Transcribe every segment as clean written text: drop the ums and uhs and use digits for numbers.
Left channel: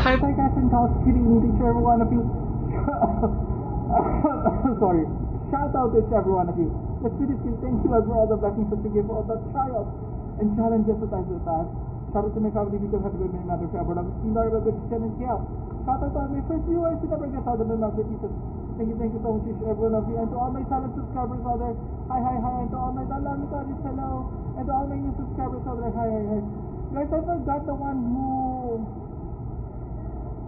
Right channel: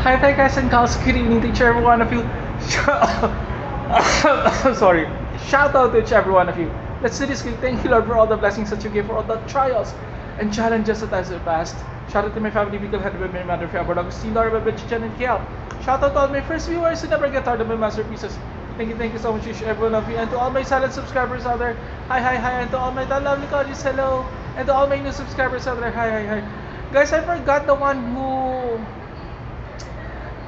Hi there guys and gals, good evening to each every one of you. Sorry. Shout out to each every one of you. Let's do this quick. Thank you Lord for all the blessings that you give, for all the trials and challenges that I surpassed. Shout out to my family, Bicol, headed by my mother, Fiabor, Agustin, Laura, Chichen, and Kiel. Shout out to all my first viewers who never get tired of my masterpieces. Thank you so much each every one of you. And to all my silent subscribers out there, hi. And to all my lovely colleagues, hello. And to all my new subscribers out there, hi. Guys, I forgot the one who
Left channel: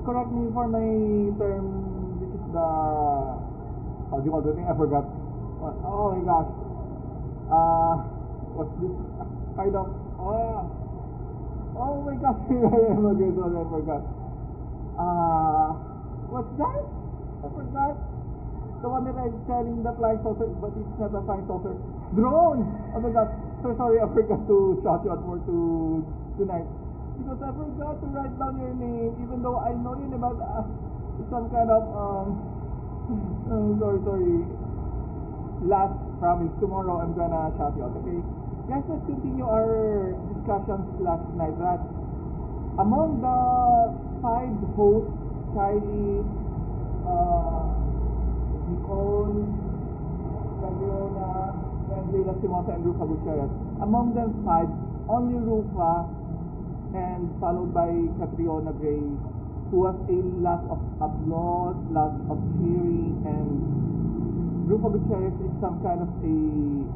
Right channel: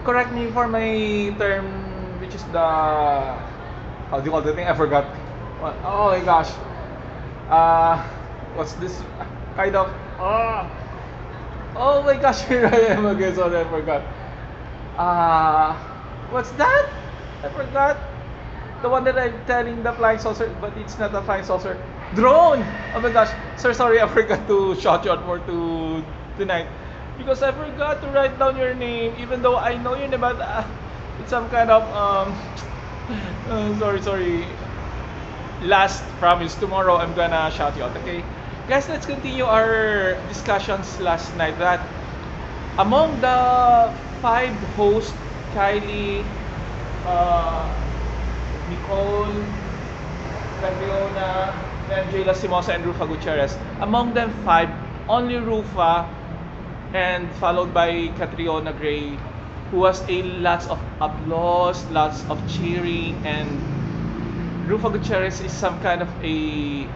correct me for my term, which is the how do you call the thing? I forgot. What? Oh my gosh. What's this kind of? Oh my gosh, here I am again. Sorry, I forgot. What's that? I forgot. The one that I'm telling the flying saucer, but it's not a flying saucer. Drone. Oh my gosh. Sir, sorry, I forgot to shout you out more to tonight. Because I forgot to write down your name, even though I know your name, but it's some kind of sorry. Last promise, tomorrow I'm gonna shout you out. Okay, guys, let's continue our discussions last night. That among the 5 hosts, Kylie, Nicole, Catriona, Angela Simosa, and Rufa Gutierrez. Among them 5, only Rufa, and followed by Catriona Gray, who has a lots of applause, lots of cheering, and Rufa Gutierrez is some kind of a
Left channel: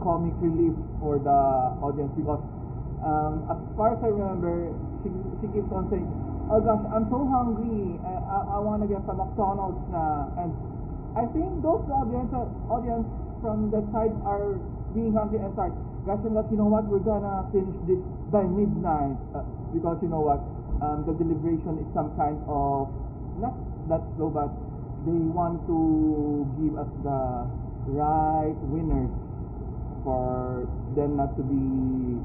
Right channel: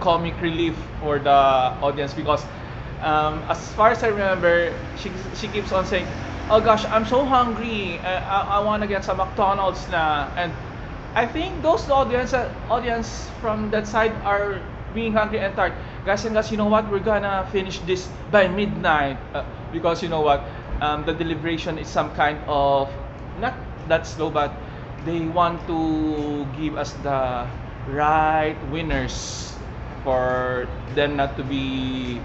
comic relief for the audience, because as far as I remember, she keeps on saying, "Oh gosh, I'm so hungry. I want to get some McDonald's na." And I think those audience from that side are being hungry and tired. Guys and guys, you know what? We're gonna finish this by midnight, because you know what? The deliberation is some kind of not that slow, but they want to give us the right winners for them not to be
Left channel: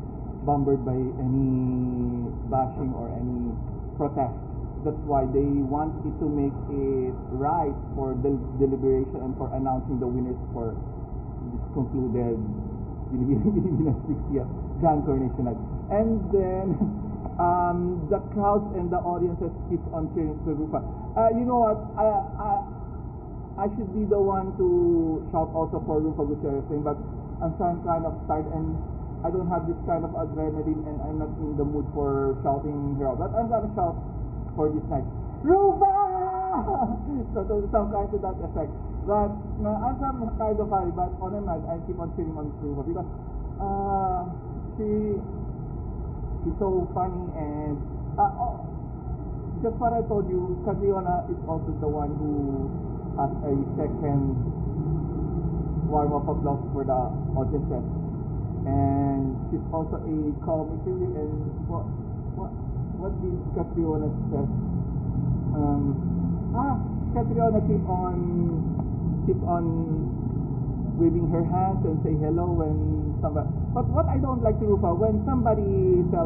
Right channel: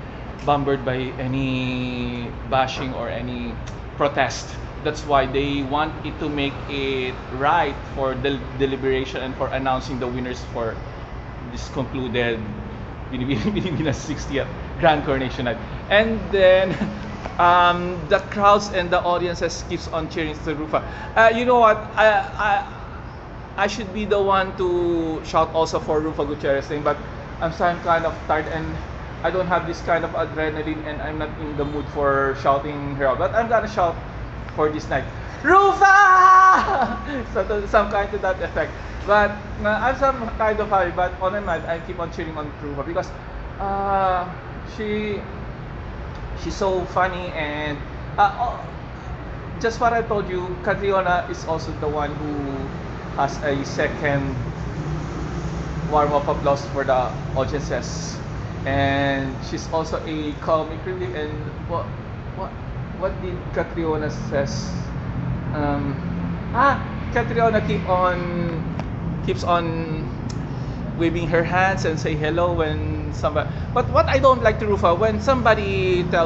bombarded by any bashing or any protest. That's why they want it to make it right for the deliberation and for announcing the winners for this concluded Binibinas 60th Grand Coronation Night. And then the crowds and the audiences keeps on cheering to Rufa. You know what? I should be the one to shout also for Rufa Gutierrez thing, but I'm kind of tired and I don't have this kind of adrenaline, and I'm not in the mood for shouting her out. But I'm gonna shout for this night, Rufa! So some kind to that effect. But I'm some kind of happy, but on my mind I keep on cheering on Rufa because she's so funny, and just what I told you, Catriona is also the one who has a second warm-up applause for the audiences, and she's also a comic relief. And what did Catriona says? Catriona keeps on waving her hands and say hello when somebody. But what I don't like to Rufa, when somebody tells